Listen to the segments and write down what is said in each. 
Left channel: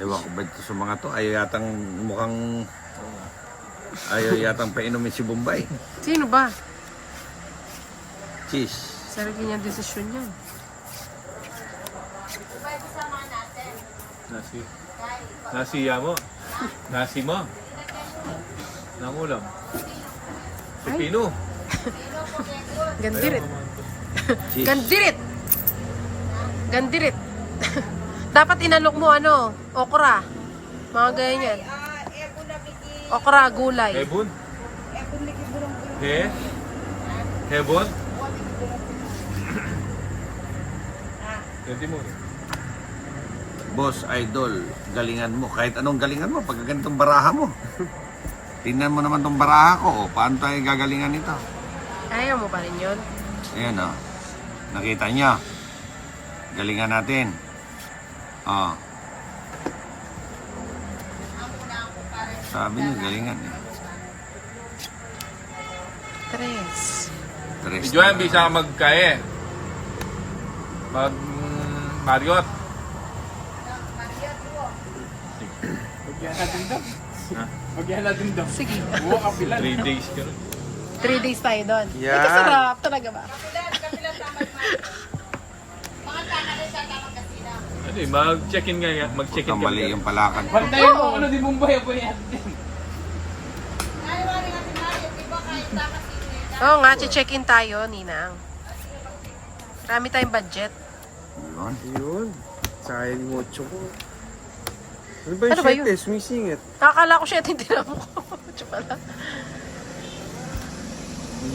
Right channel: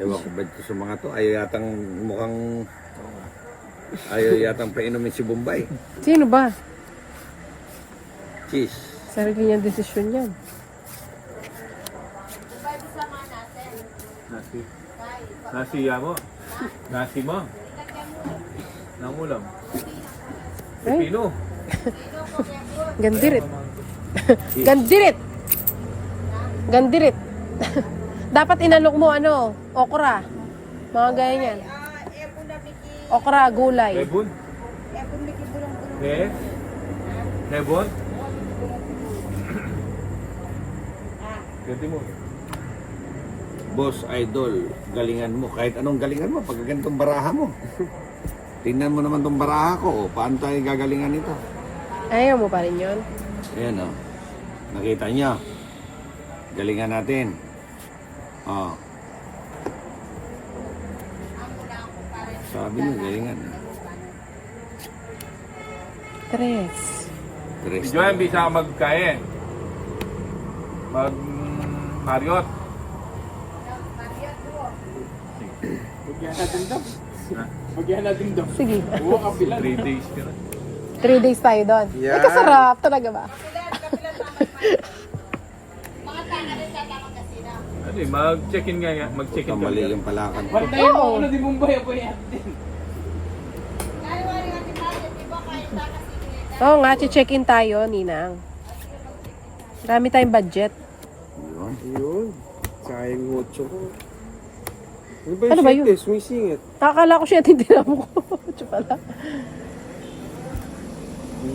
Ewan ko ba ito sa mga to? Ayaw yatang mukhang... Ayaw yatang painumin si Bombay. Sino ba? Cheese. Sarili niyang desisyon yan. Nasiya mo. Nasi mo. Nangulam. Pepino. Gandirit. Cheese. Gandirit! Gandirit. Dapat inalok mo ano, okra. Mga ganyan. Okra, gulay. Hebon. Hebon. Ganti mo. Boss, idol, galingan mo. Kahit anong galingan mo, pag ganitong baraha mo. Tingnan mo naman tong baraha ko. O, paano tayo gagalingan nito? Ayaw mo pa rin yun? Ayan o. Nakita niyo. Galingan natin. O. Sabi niyo, galingan. Tres. Tres Si Joanne, bisa ka magkae. Marriott. Sige. 3 days ka na. 3 days tayo doon. Yeah. Ay, kasarap. Talaga ba? Ano eh, mag-check-in nga. Mag-check-in ka. Kamali yung palakad ko. Oo. Oo nga, check-in tayo, Ninang. Marami tayong budget. Yun. Yun. Sayang mucho ko. Ano ba yun? Sumisingit. Nakakala ko siya at hindi na mo ko. Ito pala.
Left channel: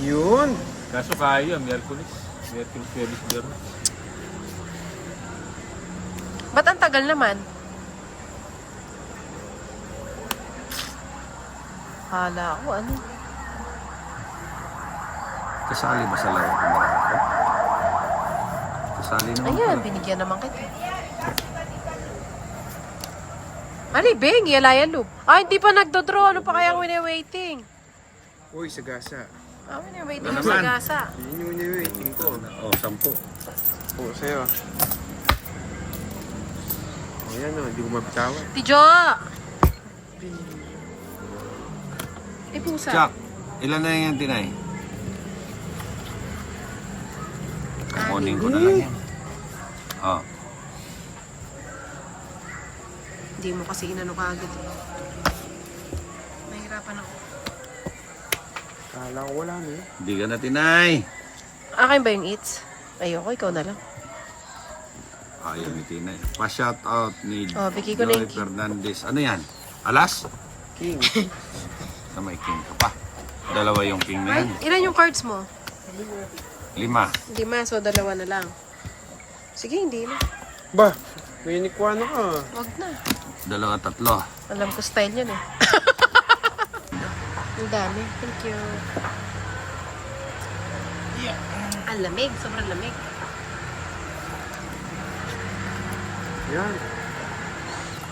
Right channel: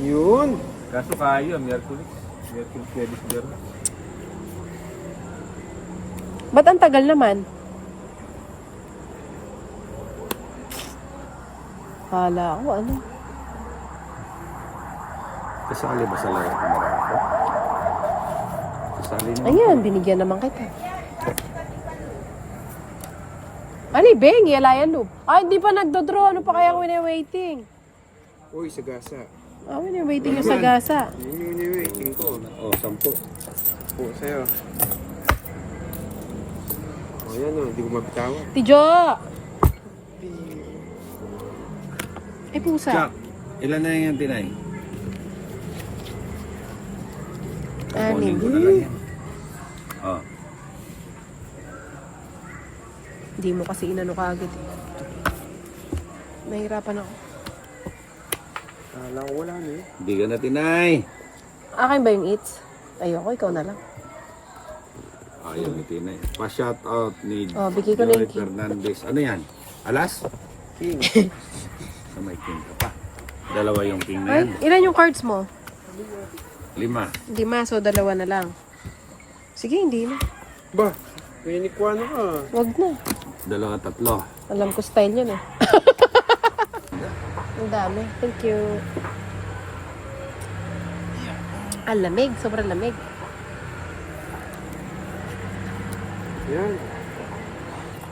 Yun. Kaso kaya, Miyerkules. Miyerkules, Pwedis, Biyernes. Ba't ang tagal naman? Kala ko, ano? Kasali ba sa laro ko marako? Kasali naman. Ayan, binigyan naman kita. Ali, Beng, Yalayan Loop. Ah, hindi pa nagdodraw. Ano pa kaya wini-waiting? Uy, sagasa. Ah, wini-waiting mo sa gasa. Yun yung waiting ko. O, 10. Po, sa'yo. Ayan o, hindi ko mabitawa. Tijo! Eh, pusa. Chuck, ilan na yung tinay? Kukunin ko na lang yan. O. Hindi mo kasi inano ka agad. Nahirapan ako. Kala ko wala na eh. Hindi ka na tinay. Akin ba yung eats? Ayoko, ikaw na lang. Ayaw ni tinay. Pa-shout out ni Oh, bigay ko na yung Joey Fernandez. Ano yan? Alas? King. Na may king ka pa. Dalawa yung king na Ay, yan. ilan yung cards mo? 5. 5, so 2 na lang. Sige, hindi na. Ba, may inikwano ko. Wag na. 2, 3. Alam ko style yan eh. Ang dami. Thank you. Ang lamig. Sobrang lamig. Yan.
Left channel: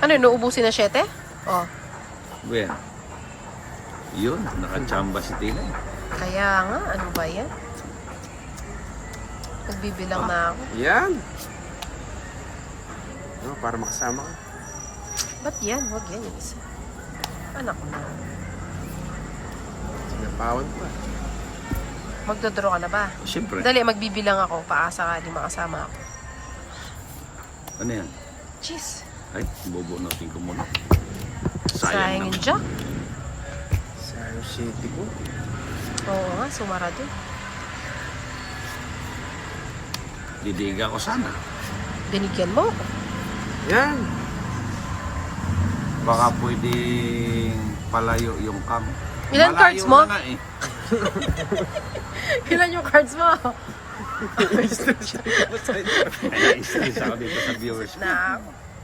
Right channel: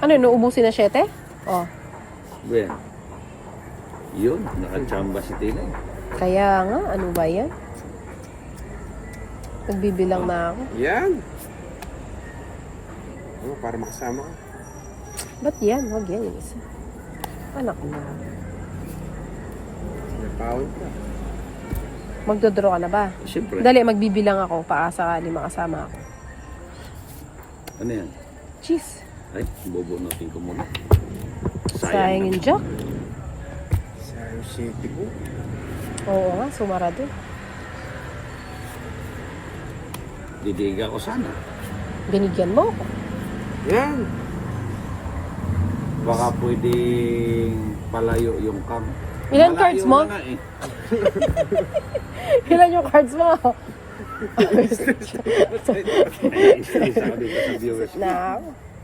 Ano, nuubusin na 7? Oh. Well, yun, nakachamba si tinay. Kaya nga, ano ba yan? Nagbibilang na ako. Yan. Ano, para makasama ka. Ba't yan? Wag yan yung isa. Anak ko na. Pawad pa. Magdodraw ka na ba? Siyempre. Dali, magbibilang ako. Paasakali makasama ako. Ano yan? Cheese. Ay, bobo natin ko muna. Sayang yung jack. Sa city ko. Oo nga, sumarado. Didiga ko sana. Binigyan mo ako. Yan. Baka pwedeng palayo yung cam. Ilan cards mo? Na nga eh. Ilan yung cards mo? Stress ako dito sa viewers. Na.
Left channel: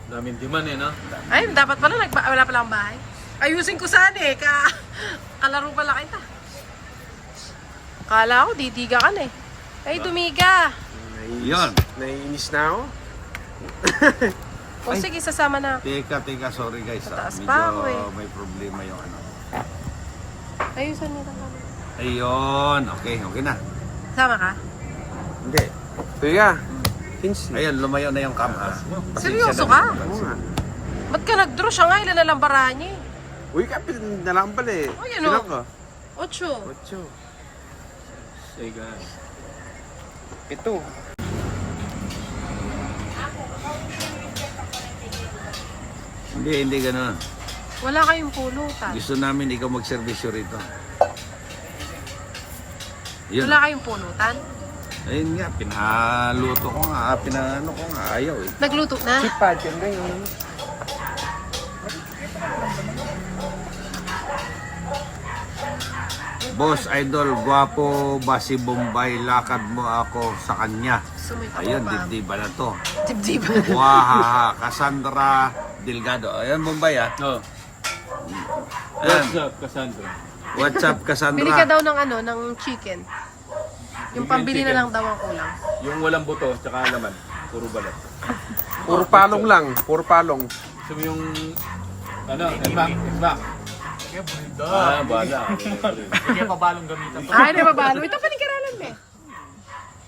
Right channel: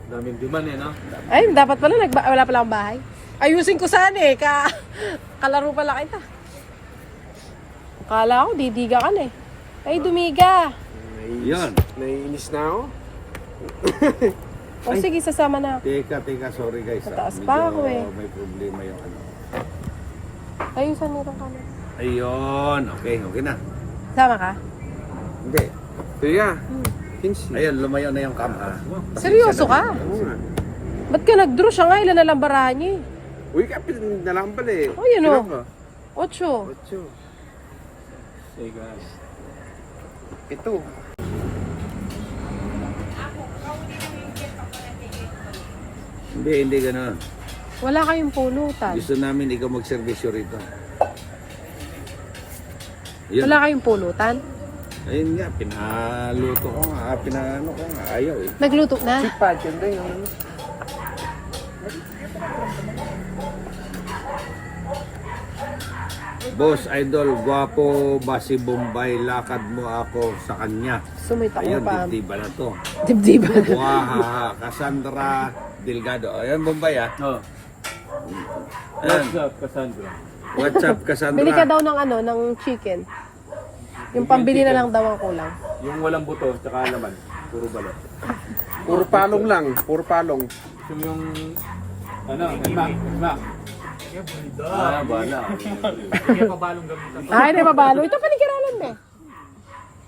Daming demand eh, no? Ay, dapat pala, wala pala akong bahay. Ayusin ko sana eh, kalaro pala kita. Kala ko, didiga ka na eh. Ay, dumiga. Yun. Naiinis na ako. O sige, sasama na ako. Teka, sorry guys. Mataas Medyo pa ako eh. may problema yung ano. Ayusan mo lang. Ayun, okay na. Sama ka? Hindi. Kuya. Kinsi. Ayun, lumayo na yung cam. Seryoso ka? Ba't ka nag-draw siya nga? Ilan na lang barahan niya eh. Uy, kapit nalambal eh. Oh, yun o. Ilan ka? 8. Ocho. Say guys. Ito. Hindi ganun. Wala kayong pulutan. Gusto namin ikaw magservisyo rito. Yun. Wala kayong pulutan. Ayun nga, pinaluto ko nga, pinanano ko nga, ayaw eh. Nagluto na? Pa, siyempre yun. Boss Idol, gwapo ba si Bombay? Lakad mo ako sa kanya. Sumita ko Ayun, pa. dibdiba na to. Dibdiba. Wahaha, Cassandra Delgado. Ayan, Bombay ah. Oh. Ayan, What's up, Cassandra? what's up, Cassandra? Bili ka daw ng ano, ng chicken. Yung pambili na lang daw ang kulang. Yung walang buto, tsaka laman. Puro balat. Puro palong lang. Puro palong. Gusto mo yung, ano, smack. Ah, bala. Ay, nababalo. Ito panikiralan eh.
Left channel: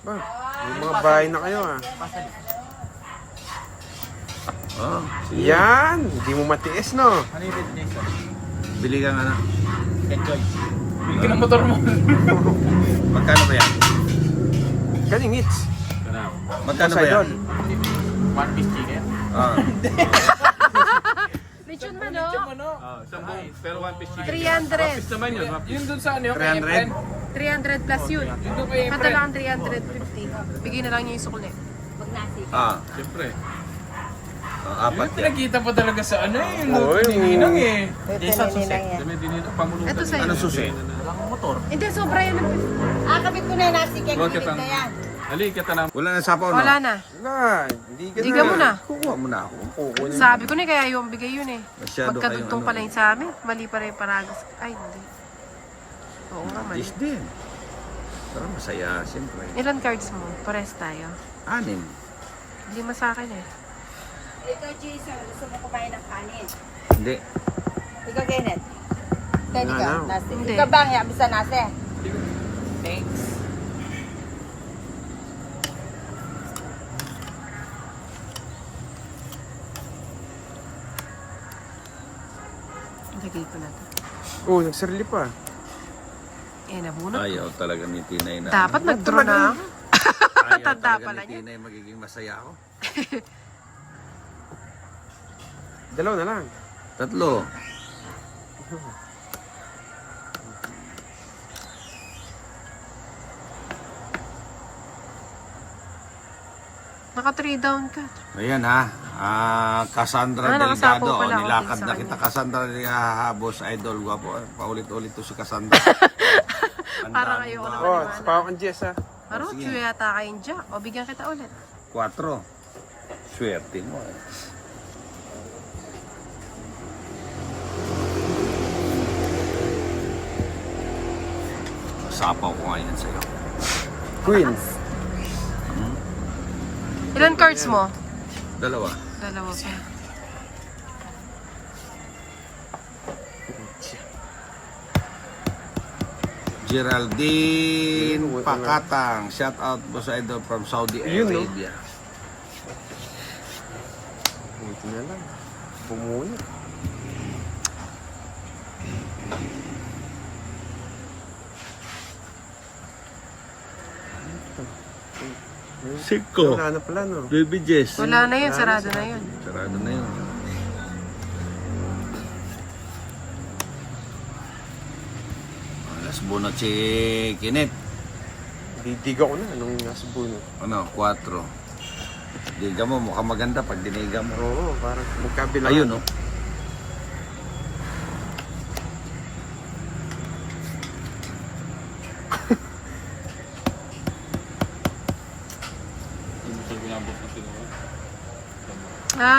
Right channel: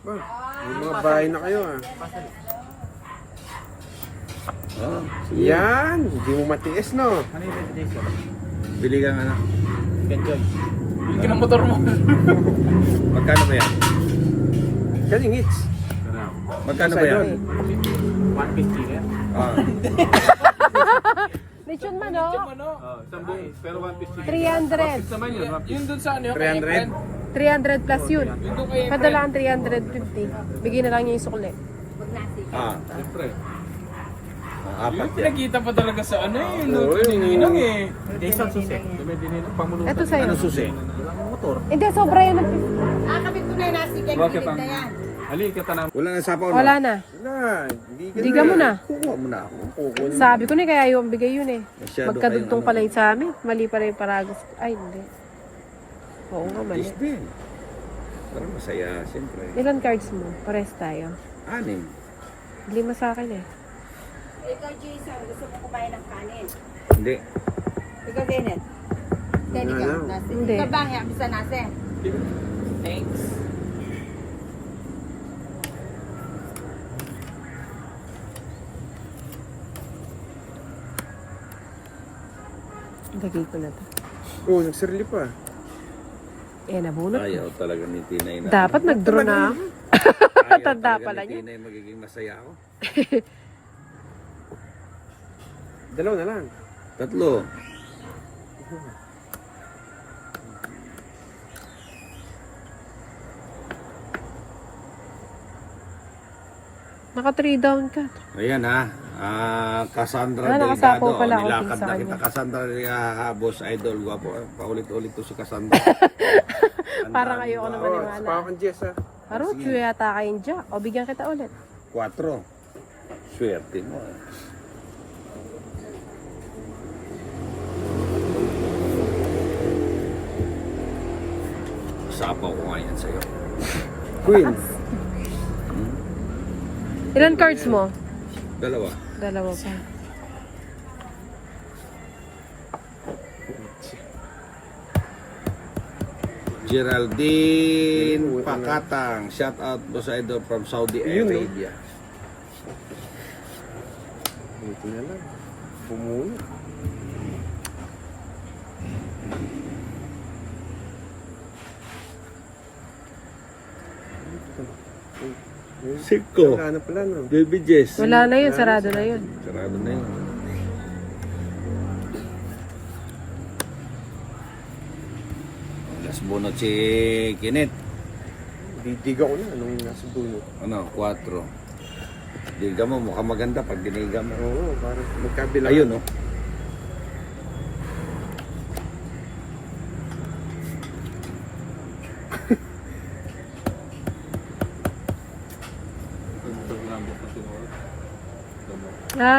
Yung mga bahay na kayo ah. Oh, sige. Yan! Hindi mo matiis no? Bili ka nga na. Enjoy. Magkano ba yan? Galing hits. Magkano ba yan? One piece chicken. Ah, Lechon manok. Sambong, pero one piece chicken. 300. Naman yun, one piece. 300? 300 plus yun. Padala ang 350. Bigyan na lang niyo yung sukli. Ah, Siyempre. apat yan. Nakita pa talaga sa ano eh. Ninginang eh. Jason Susi. Dami din yun ang pamulutan. Ito sa'yo. Ano susi? Hindi, sobra yan. Kabit ko na yung nasi cake. Bakit ang... Ali, kita na. Wala na sapaw, no? Wala na. Wala. Hindi ka Diga mo na. Kuha mo na ako. Sabi ko na kaya yung bigay yun eh. Masyado Magkadugtong kayong- pala yun sa amin. Mali pala yung paragraph. Ay, hindi. Oo nga, mali. Yes din. Ah, masaya, siyempre. Ilan cards mo? Pares tayo. 6. 5 sa akin eh. Ikaw, Jason, gusto mo kumain ng kanin. Hindi. Ikaw, Kenneth. Kenneth ka, Wala na. nasi. Hindi. Ikaw bang, bisa nasi. Lagay ko na to. Oh, nagsarili pa. Eh, nabunot ko. Ayaw talaga ni Tinay na. Dapat nag-draw na ako. Ayaw tanda talaga pala ni niya. Tinay magiging masaya ako. Dalaw na lang. 3. Naka 3 down ka. Ayan ha. Cassandra nakasapaw Delgado. pala ako Nilakad sa na kanya. kita. Cassandra Boss Idol. Gwapo. Paulit-ulit to si Cassandra. Parang ayoko na Oh, maniwala. pa kang Jess ah. Arutio yata kayong Jack. O, bigyan kita ulit. 4. Swerte mo. Sapaw ko ngayon sa'yo. Queen. Ilan cards mo? 2. Dalawa pa. Geraldine Pakatang. Shout out Boss Idol from Saudi Yun, no? Arabia. Ito na lang. Bumuno. Siko. Wala na pala no. Baby Jess. Wala na yun. Sarado na yun. Sarado na yun. Last bunot si Kenneth. Didiga ko lang. Anong nasa buno. Ano, 4. Diga mo, mukhang maganda pag diniga mo. Oo, parang magkabila. Ayun, oh.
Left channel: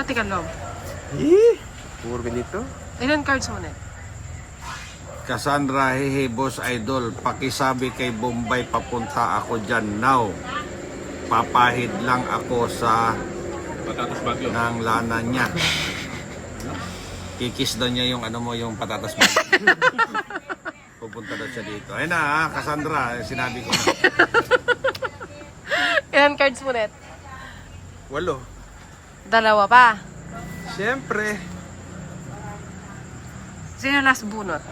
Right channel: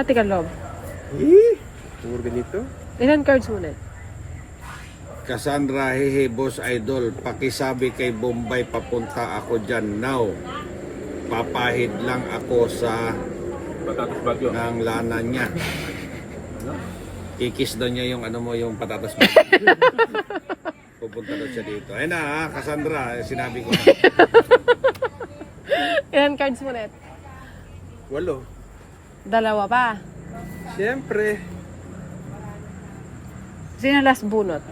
Tika loob. Eh! Puro ganito. Ilan cards mo net? Cassandra, hehe, Boss Idol, pakisabi kay Bombay papunta ako dyan now. Papahid lang ako sa Patatas bagyo. ng lana niya. Kikis daw niya yung ano mo, yung patatas mo. Pupunta daw siya dito. Ayun na, ha, Cassandra, sinabi ko. Ilan cards mo net? 8. Dalawa pa. Siyempre. Sino last bunot?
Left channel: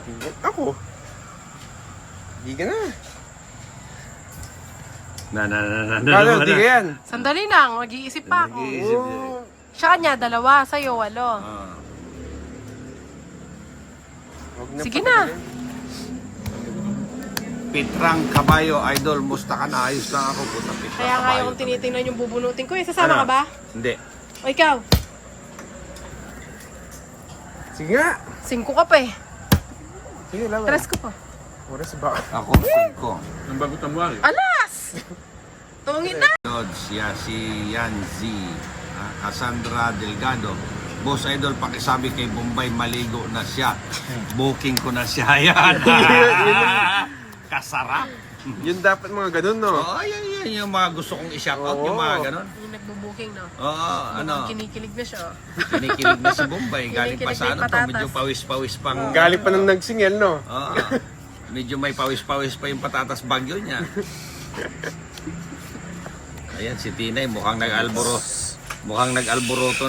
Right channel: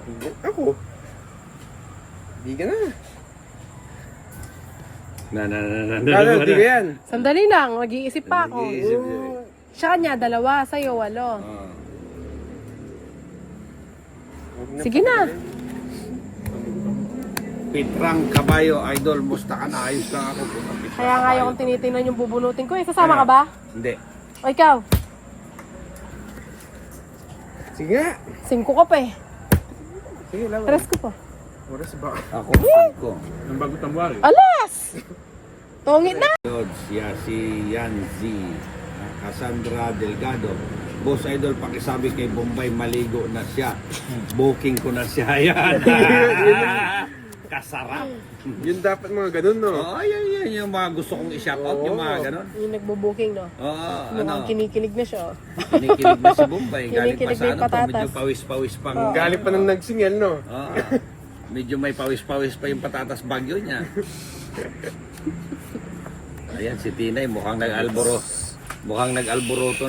Ako. Di ka na. Paano, di ka yan. Sandali lang, mag-iisip pa ako. Nag-iisip yan. Siya kanya, 2, sa'yo 8. Ah. Sige na. Pitrang Kabayo, idol, musta ka na? Ayos lang ako. Kaya nga yung tinitingnan yung bubunutin ko. Sasama ka ba? Hindi. O ikaw? Sige nga. 5 ka pa eh. Sige lang. 3 ko pa. Oras ba? Ako, ko. Ang bago tamwari. Alas! Tungit na! Si Yanzi, Cassandra Delgado. Boss Idol, pakisabi kay Bombay, maligo na siya. Booking ko na siya. Yan. Kasarap. Yun dapat mga ganun, no? Oo, yan. Yung mga gusto kong i-shout out, yung mga ganon. Yung nagbo-booking, no? Oo, Mukhang kinikilig na siya. kinikilig na si Bombay. Galing pa Kinikilig sa na yung ano to, medyo patatas. pawis-pawis pang... Galing pa ng nagsingel, no? Oo. Medyo may pawis-pawis pa yung patatas bagyo niya. Ayan, si Tinay mukhang nag-alboroto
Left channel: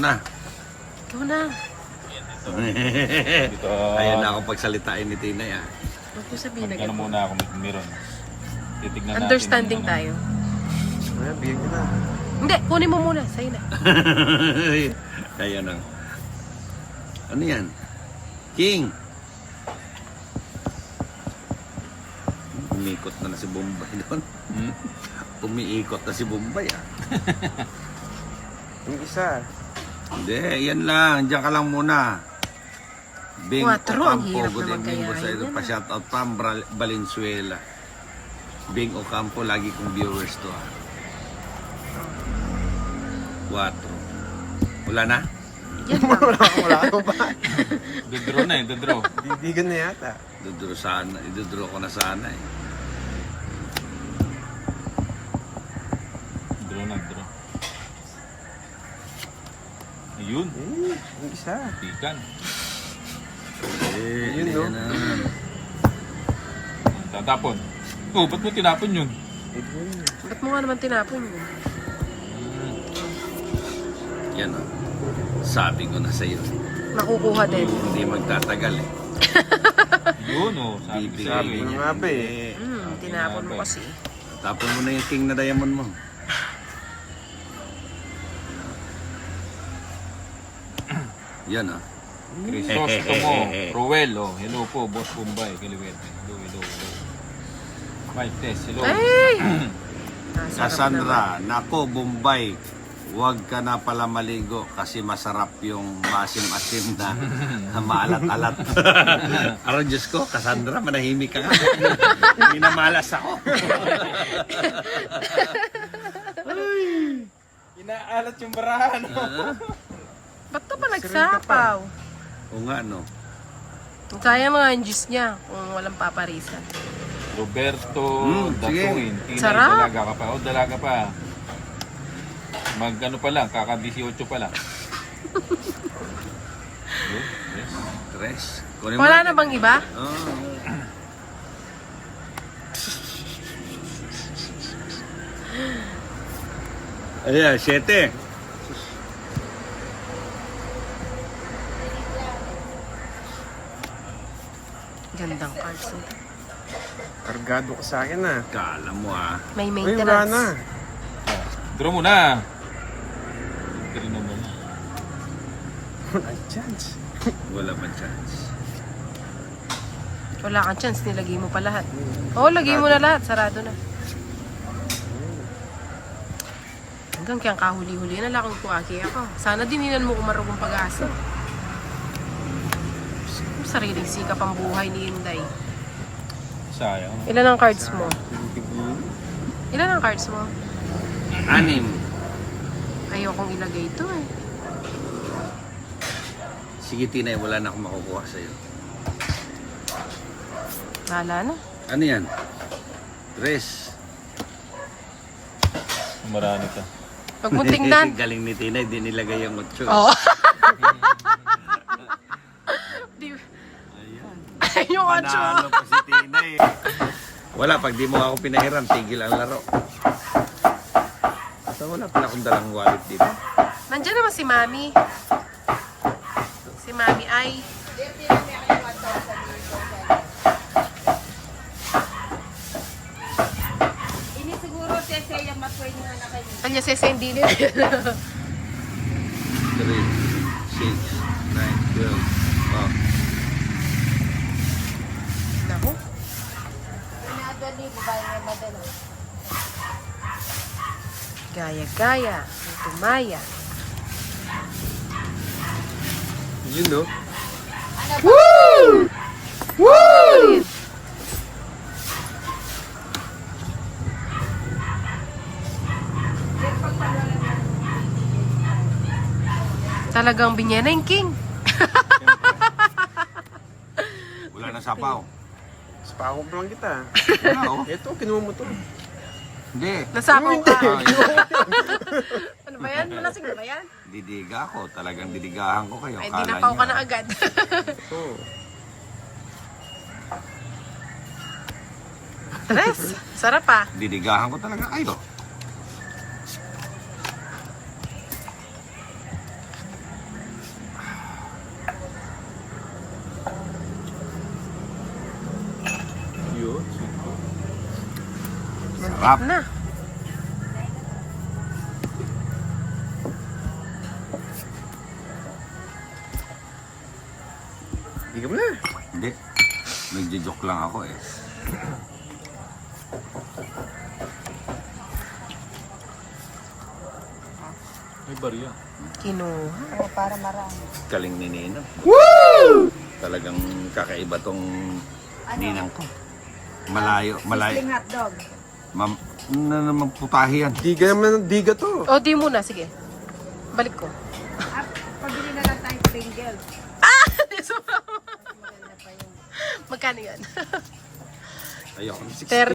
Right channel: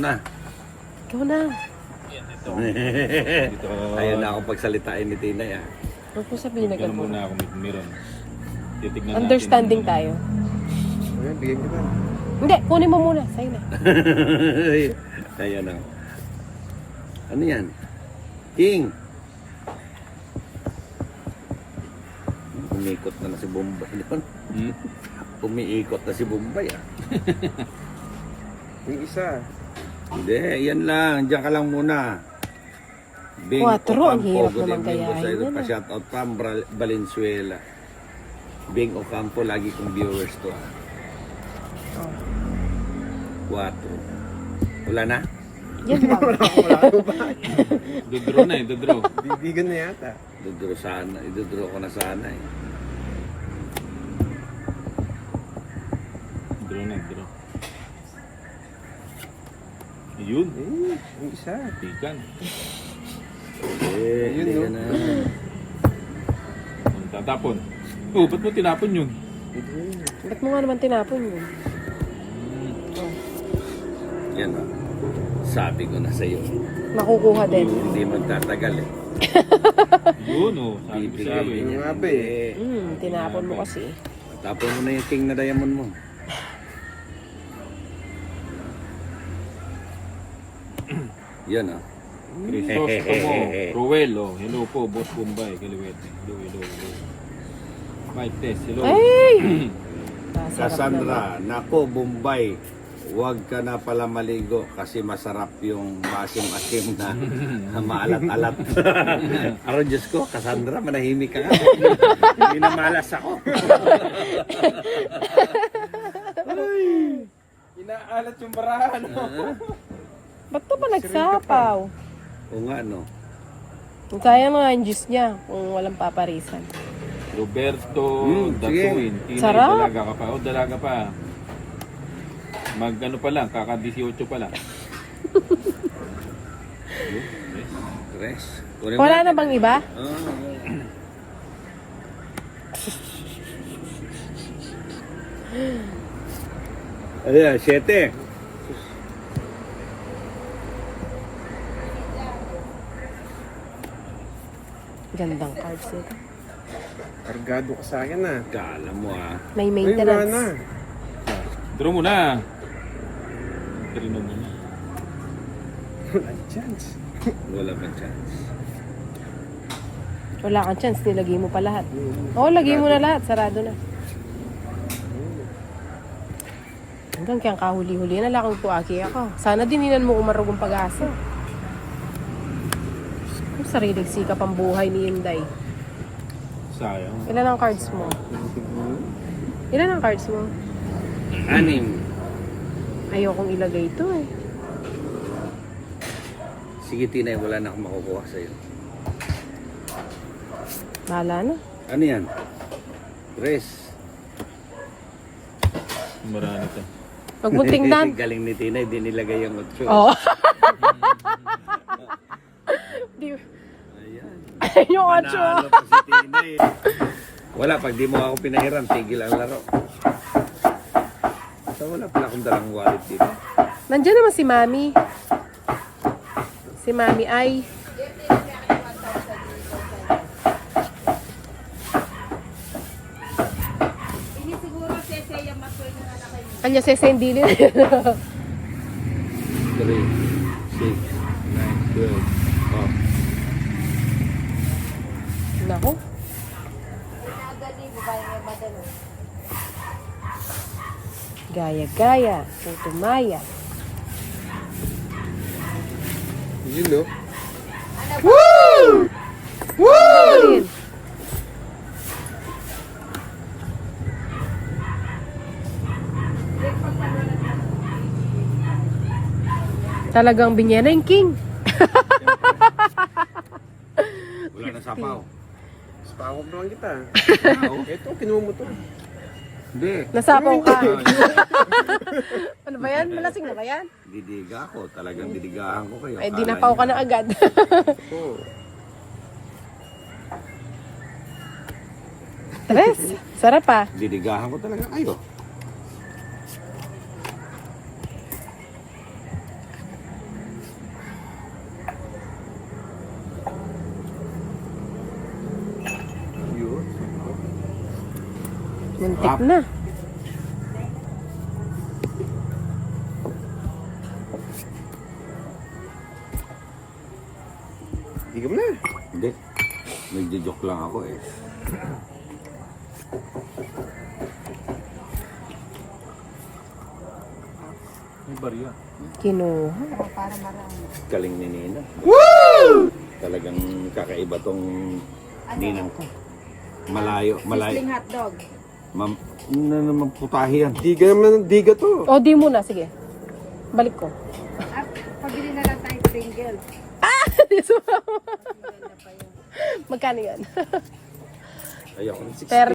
na. Ito na. Ayun na ako pagsalitain ni Tinay ah. Huwag ko sabihin na Ganun ganun. muna ako meron. Titignan Understanding natin. tayo. Ano, bigyan mo na. Hindi, kunin mo muna. Sa'yo na. Ayan na. Ano yan? King! Umikot na si Bombay doon. Umiikot na si Bombay ah. Yung isa. Hindi, yan lang. Diyan ka lang muna. Bing 4, ang Ocampo, hirap good naman evening, gayahin boss. yan, ah. Pa-shoutout from Valenzuela. Bing Ocampo, lagi kong viewers to. 4. Wala na? Yan lang. Dodro na eh, dodro. Bibigan na yata. Idodro ko na sana eh. Dodro. Ayun. Yung isa. Tikan. Yun na. Tatapon. Oh, ba't mo tinapon yun? Ba't mo nga naman tinapon yun? Yan o. Sabi ko na sa'yo. Nakukuha din. Hindi magtatagal eh. Yun oh, sabi. Bibigay Ano niya. nga ba eh? Tinapon mo kasi. Tapon mo na yung king na diamond mo. Yan o. Crisostomo, Ruel, oh, hello po, Boss Bombay, Kiliwet. Hello. Mike Tess, hello. Ay! Nasarap naman. Cassandra, nako Bombay, huwag ka na pala maligo kasi masarap yung masim-asim na maalat-alat. Pero Diyos ko, Cassandra, manahimik ka nga. Hindi na malas ako. Inaalat yung barahan. Ba't to pa nagsapaw? O nga, no? Sayang mga ang juice niya kung walang paparisan. Roberto sige. Datuin. Sarap. Dalaga ka pa. Oh, dalaga pa. Mag-ano pa lang, kaka-18 pa lang. Tres. Kunin mo. Wala na bang iba? Oh. Ayan, 7. Gandang cards nito. Kargado ka sa akin ah. Kala mo ah. May Uy, wala maintenance. na. Draw mo na. Draw mo na. Chance. Wala pa chance. Wala kang chance, nilagay mo pa lahat. Oo, lagay mo na lahat. Sarado na. Hanggang kayang kahuli-huli na lang kung aki ako. Sana dininan mo umarugong pag-asa. Kung sariling sikap ang buhay ni Inday. Sayang. Ilan ang cards mo? Ilan ang cards mo? 6. Ayokong ilagay ito eh. Sige, Tinay, wala na akong makukuha sa'yo. Bahala na. Ano yan? 3. Marami ka. Huwag mong tingnan. Galing ni Tinay, di nilagay yung 8. Oo. Di... yung 8. Panalo pa si Tinay. Wala, pag di mo ako pinahiram, tigil ang laro. So, wala pala akong dalang wallet dito. Nandiyan naman si Mami. Si Mami ay... Kanya sa hindi niyo. 3, 6, 9, 12. Oh. Nako. Gaya-gaya, putumaya. Yun, no? Talagang binyaneng king. Wala na sapaw. Spahog naman kita. Wala, oh. Ito, kinuha mo to. Hindi. Nasapaw ka. Ano ba yan? Malasing na ba yan? Didiga ako. Talagang didigahan ko kayo. Eh, Akala dinapaw ka niyo. na agad. Tres. Sarap ah. Didigahan ko talaga kayo. Yun. Muntik na. Hindi ka mo na. Hindi. Nagjo-joke lang ako eh. May barya. Kinuha. Para marami. Galing ni Nino. Woo! Talagang kakaiba tong ninang ko. Malayo. Sling hotdog. Ma'am, na naman putahe yan. Diga naman, diga to. O, di muna. Sige. Balik ko. At pabili na lang tayo Pringles. Magkano yan? Ayoko. Ter